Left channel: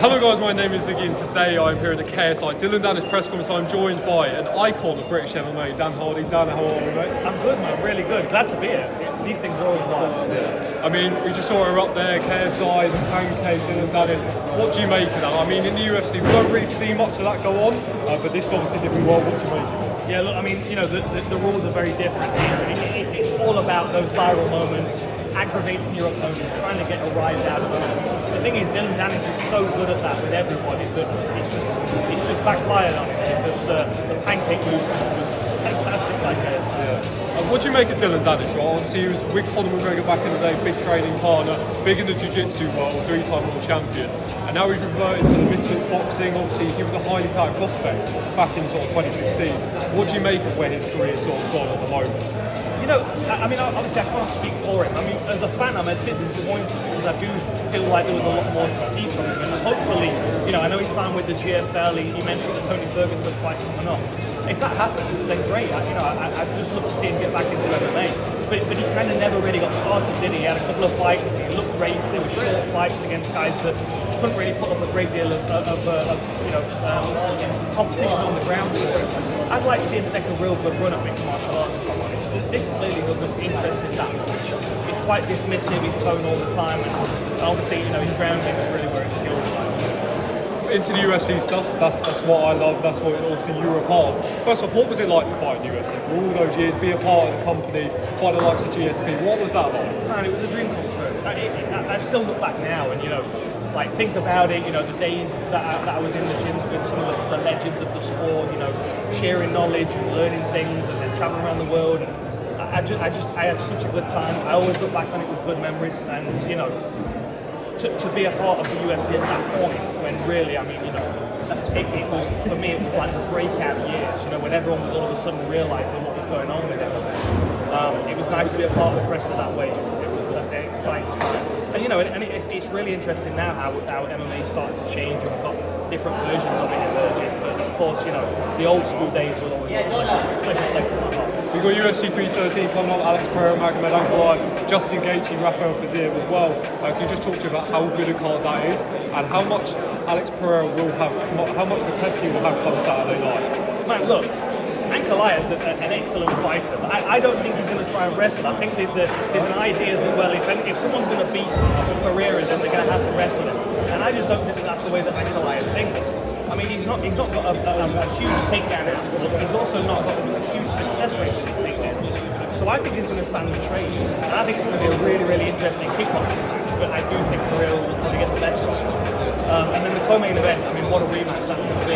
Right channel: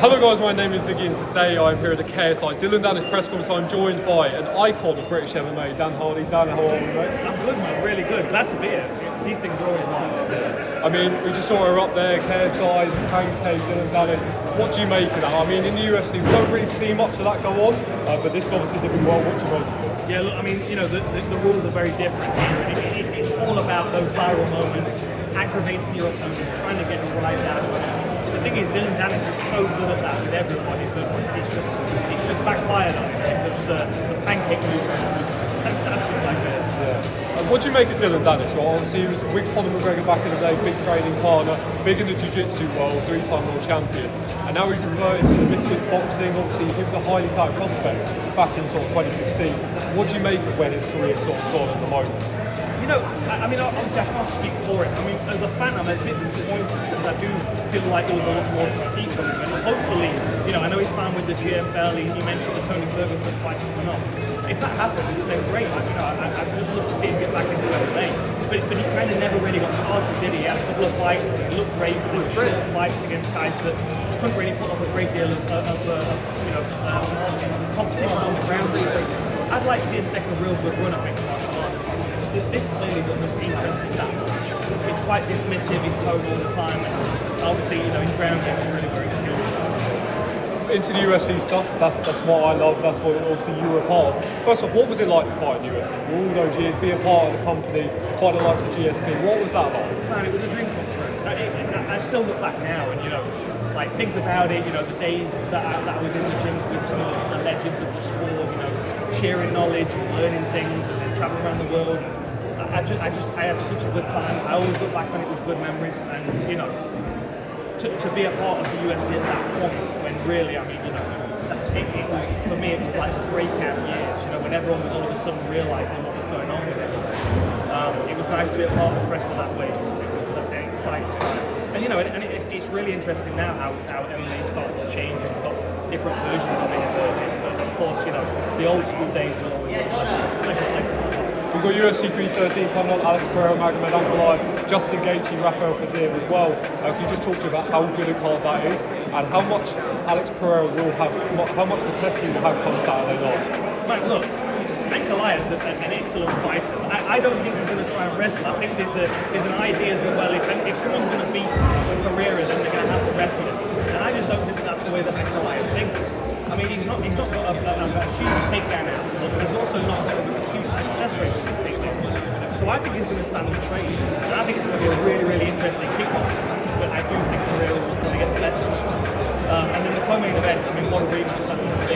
Hello guys, my name is Ziggy and today I'm here at the KSI Dillon Danis press conference. I'm joined by an icon of British MMA, Dan Hardy. Dan, how are you, mate? I'm good, man, really good. Glad to be here. These things are always right. Yeah. I mean, we just saw her up there, KSI, the pancake, Dillon Danis. What do you make of that? I mean, in the UFC, we don't really see much of that go on, but this is obviously a different world. What do you make of it? Yeah, look, I mean, the rules are very different. It's all about those viral moments, aggravating your opponent, trying to get a rise out of it. The thing is, Dillon Danis is so good at that with everybody that it's just backfired on it because the pancake movement was fantastic like this. Yeah. What do you make of Dillon Danis? Well, obviously, he was with Conor McGregor back in the day, big training partner, big in the jiu-jitsu world, three-time world champion. And now he's reverted to the misfits boxing. Obviously, he was a highly touted prospect back in sort of 2016. What do you make of where his career is sort of gone at the moment? I mean, obviously I can't speak for him. I mean, as a fan, I'm a bit disappointed because I do feel like there was a lot more to see from him. And hopefully, I know he signed with the GFL. He mentioned the Tony Ferguson fight coming up. If that happens, then great. I'd just love to see him get back into MMA. But he kind of never really got started, did he? He had a couple of fights. He looked great. There were short fights against guys that couldn't really put up a great deal of competition on the ground for him. I'd like to see him take a real good run at mixed martial arts, if I'm honest. This clearly doesn't interest him that much. It's quite dismissive, his tone all the time, and obviously, his ground game is really where his skills are. Into the UFC stuff, that's what I love, that's what obviously you were a part of. First off, what was it like to fight in the UFC for all those years, be a part of the company, fight the likes of GSP, what was that like? Man, it was a dream come true. I still look back now and, think about it, the days that I was in the gym with some of the legends of the sport, sharing knowledge and learning things and then traveling around the world. I had such a good time. I always look back on it with good memories and, to be a part of the UFC at that point when really, it was, for me, it was like the breakout years, when everyone was all of a sudden realising what was going on with everything. It was nice to be a part of the rest of that wave. It was an exciting time. And it's really interesting now how MMA is starting to change and got different versions of it emerging. But of course, the old school days were always a pleasure place in my heart. We've got UFC 313 coming on, Alex Pereira, Magomed Ankalaev, Justin Gaethje, Rafael Fiziev as well. Can you just talk to you about how good a card that is and how much Alex Pereira will have, how much the test he will have come Saturday night? Man, look, Ankalaev is an excellent fighter. I don't think he's going to try and wrestle. I think there's an idea that, well, if someone's going to beat Pereira, then they're going to have to wrestle him. And I just don't think that's the way that Ankalaev thinks. I mean, he's not got a huge takedown out, but he's also not got a huge success rate with his takedowns. So I think he's going to stand and train. And I think it's going to be a really, really interesting kickboxing match. But I do think Pereira will probably get the better of him. And then the co-main event, what a rematch that's going to be.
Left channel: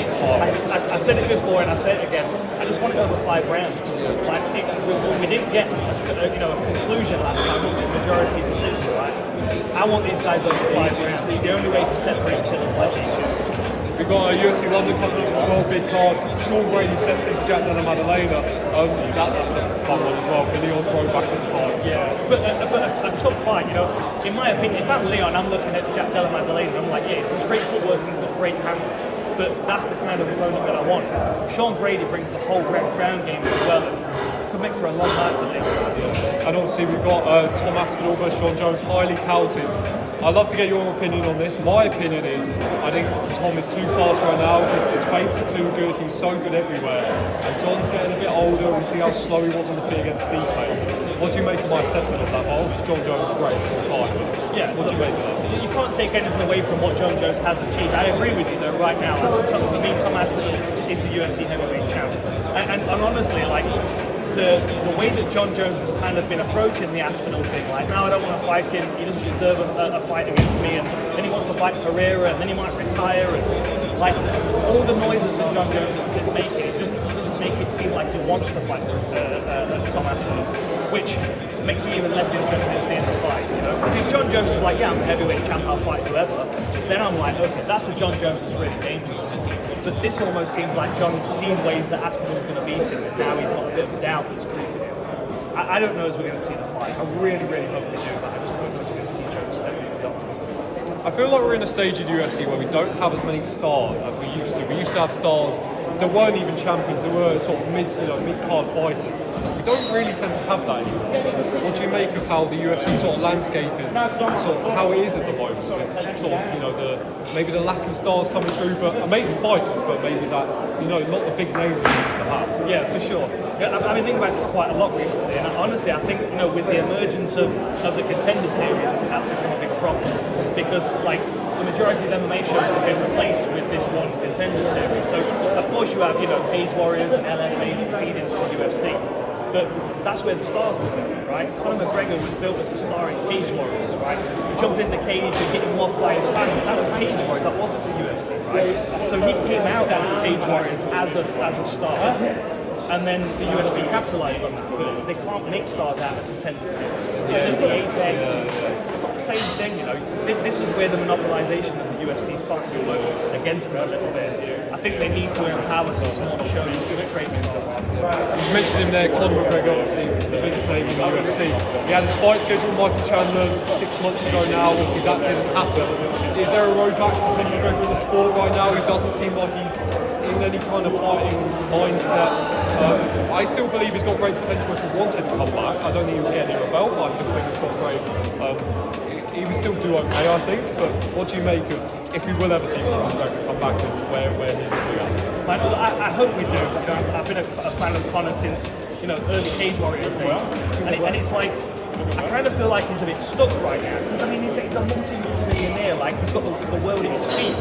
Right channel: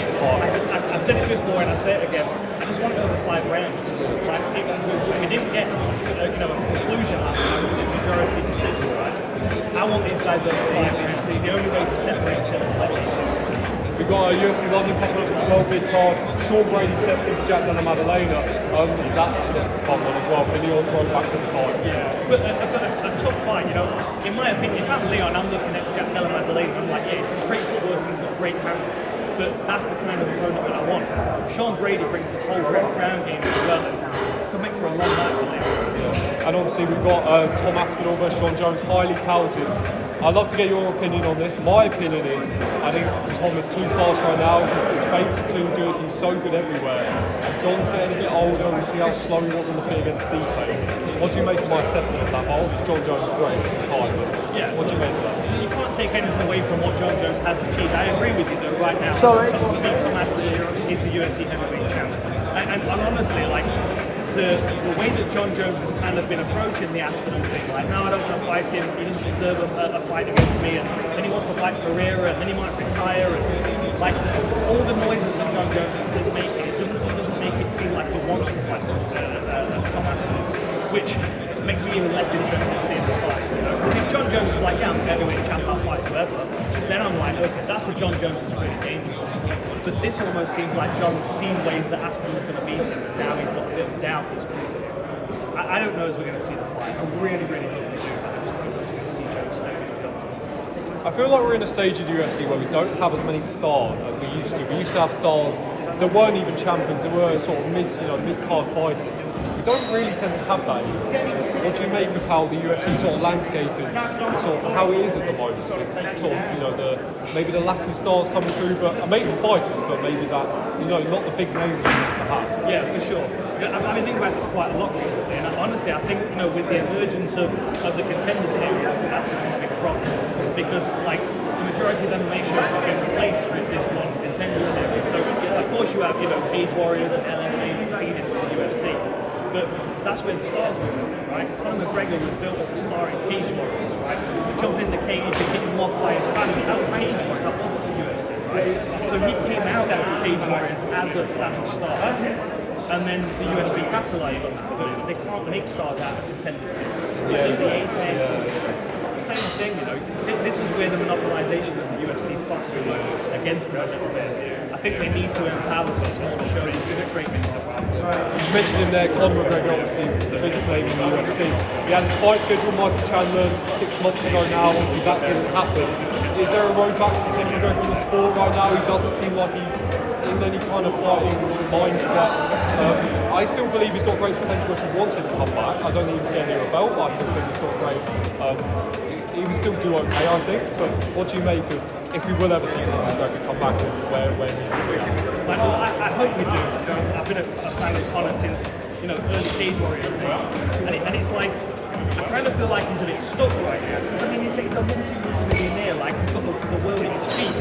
I said it before and I say it again. I just want it over 5 rounds. Like, we didn't get a conclusion last time, which is the majority decision, right? I want these guys over 5 rounds. It's the only way to separate the players. We've got a UFC London coming up as well, big card. Sean Brady steps in for Jack Della Maddalena. That's a fun one as well for Leon's road back to the title. Yeah, but a tough fight, in my opinion. If I'm Leon, I'm looking at Jack Della Maddalena, I'm like, yeah, he's got great footwork, he's got great hands. But that's the kind of opponent that I want. Sean Brady brings the whole ground game as well and could make for a long night for me. Yeah. And obviously we've got Tom Aspinall versus John Jones, highly touted. I'd love to get your opinion on this. My opinion is, I think Tom is too fast right now. His feints are too good. He's so good everywhere. And John's getting a bit older. We see how slow he was on the feet against Stipe. What do you make of my assessment of that? But obviously John Jones is great for the time. But yeah, what do you make of that? You can't take anything away from what John Jones has achieved. I agree with you though right now. For me, Tom Aspinall is the UFC heavyweight champ. And honestly, the way that John Jones has kind of been approaching the Aspinall thing, like, now I don't want to fight him, he doesn't deserve a fight against me, and then he wants to fight Pereira, and then he might retire, and all the noises that John Jones is making, it doesn't make it seem like he wants to fight Tom Aspinall, which makes me even less interested in seeing the fight, Because if John Jones is like, yeah, I'm the heavyweight champ, I'll fight whoever, then I'm like, okay, that's what John Jones is really dangerous. But this almost seems like John's seen ways that Aspinall's going to beat him, and now he's got a bit of doubt that's creeping in. I don't know if we're going to see the fight. I really, really hope they do, but I just don't know if we're going to see Jones step into the doctor. I feel like we're in a stage of the UFC where we don't have as many stars as we used to. We used to have stars that weren't even champions, that were sort of mid-card fighters. We We don't really tend to have that anymore. What do you make of how the UFC sort of landscape is, sort of how it is at the moment, with sort of, you know, maybe the lack of stars coming through, but amazing fighters, but maybe that, you know, not the big names we used to have. Yeah, for sure. I've been thinking about this quite a lot recently, and honestly, I think, you know, with the emergence of the Contender Series, I think that's become a big problem, because like the majority of the MMA shows have been replaced with this one Contender Series. So of course you have, you know, Cage Warriors and LFA feeding into the UFC, but that's where the stars are built, right? Conor McGregor was built as a star in Cage Warriors, right? Jumping in the cage and getting mobbed by his fans, that was Cage Warriors, that wasn't the UFC, right? So he came out of Cage Warriors as a star. And then the UFC capitalized on that, but they can't make stars out of Contender Series. Same thing, you know. This is where the monopolization of the UFC starts to work against them a little bit. I think they need to empower some smaller shows to create stars. You mentioned in there Conor McGregor, obviously the biggest name in the UFC. He had his fight schedule with Michael Chandler 6 months ago now. Obviously that didn't happen. Is there a road back for Conor McGregor in the sport right now? He doesn't seem like he's in any kind of fighting mindset. I still believe he's got great potential if he wanted to come back. I don't think he would get near a belt, but I still think he's got great. He would still do okay, I think. But what do you make of if we will ever see Conor McGregor come back and where he will be at? Well, I hope we do. I've been a fan of Conor since, you know, early Cage Warriors days, and it's like I kind of feel like he's a bit stuck right now. Because I mean, he's a multi-millionaire, like he's got the world in his feet,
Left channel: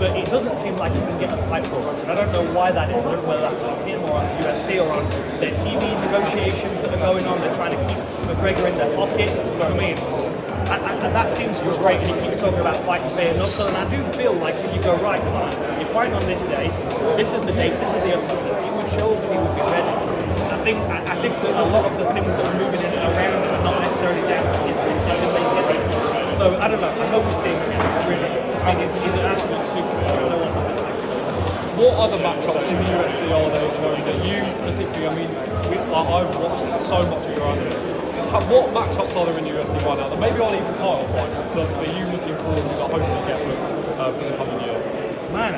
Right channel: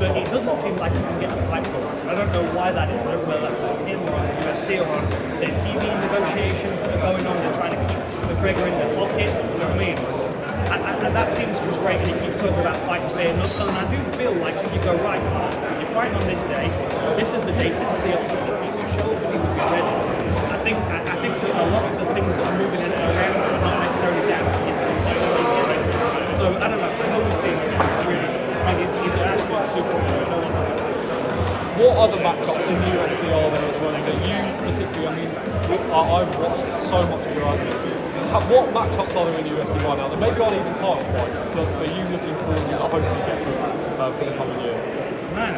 but it doesn't seem like he can get a fight booked. And I don't know why that is, whether that's on him or on the UFC or on the TV negotiations that are going on. They're trying to keep McGregor in their pocket. You know what I mean? And that seems frustrating. He's talking about fighting bare knuckle, and I do feel like if you go right, you're fighting on this day. This is the date. This is the opponent. Show them you're ready. I think that a lot of the things that are moving around are not necessarily down to you. So I don't know. I hope we see really. And he's an absolute superstar. What other matchups in the UFC are there at the moment that you particularly? I mean, I've watched so much of your analysis. What matchups are there in the UFC right now that maybe aren't even title fights, but are you looking forward to that hopefully get booked for the coming year? Man,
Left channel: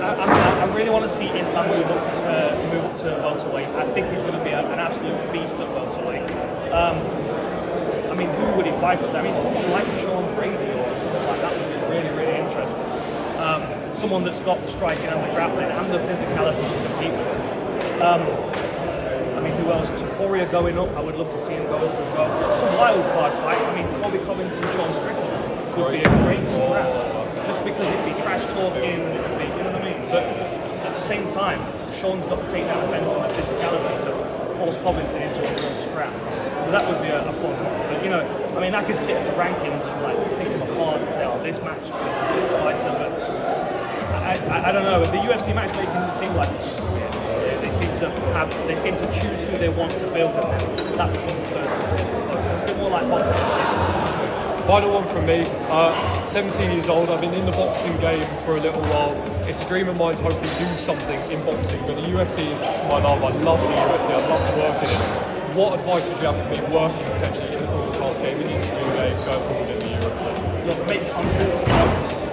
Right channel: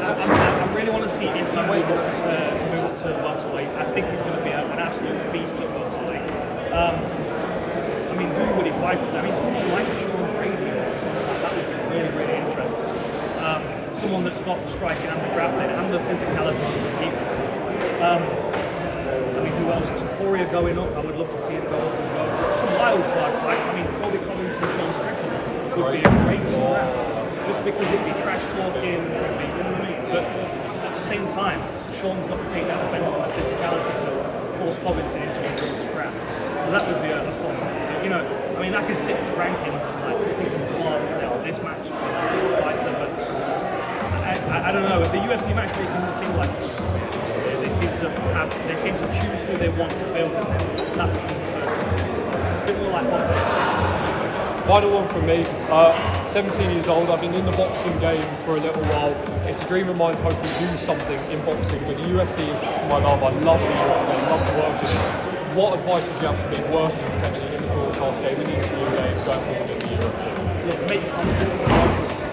I really want to see Islam move up to welterweight. I think he's going to be an absolute beast at welterweight. I mean, who would he fight at? I mean, someone like Sean Brady or something like that would be really, really interesting. Someone that's got the striking and the grappling and the physicality to compete with. I mean, who else? Topuria going up. I would love to see him go up as well. Some wild card fights. I mean, Colby Covington, John Strickland would be a great scrap. Just because it'd be trash talking, you know what I mean? But at the same time, Sean's got to take that offense and that physicality to force Covington into a real scrap. So that would be a fun one. But, you know, I mean, I could sit in the rankings and like pick them apart and say, oh, this match is this fighter. But I don't know. The UFC matchmaking doesn't seem like they seem to choose who they want to build, and then that becomes the person. It's a bit more like boxing. Final one from me. 17 years old. I've been in the boxing game for a little while. It's a dream of mine to hopefully do something in boxing, but the UFC is my love. I love the UFC. I love to work in it. What advice would you have for me working potentially in the broadcast game, in the interview game, going forward in the UFC? Look, make content.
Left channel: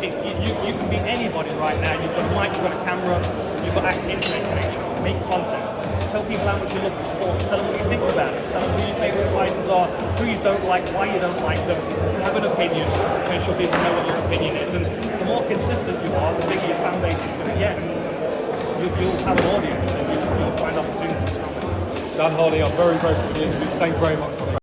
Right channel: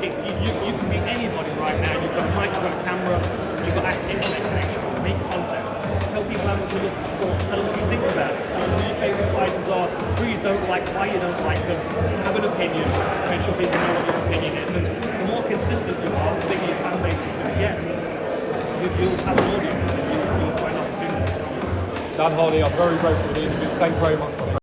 You can be anybody right now. You've got a mic, you've got a camera, you've got internet connection. Make content. Tell people how much you love the sport. Tell them what you think about it. Tell them who your favourite fighters are, who you don't like, why you don't like them. Have an opinion. Make sure people know what your opinion is. And the more consistent you are, the bigger your fan base is going to get. And you'll have an audience and you'll find opportunities from it. Dan Hardy, I'm very grateful for the interview. Thank you very much.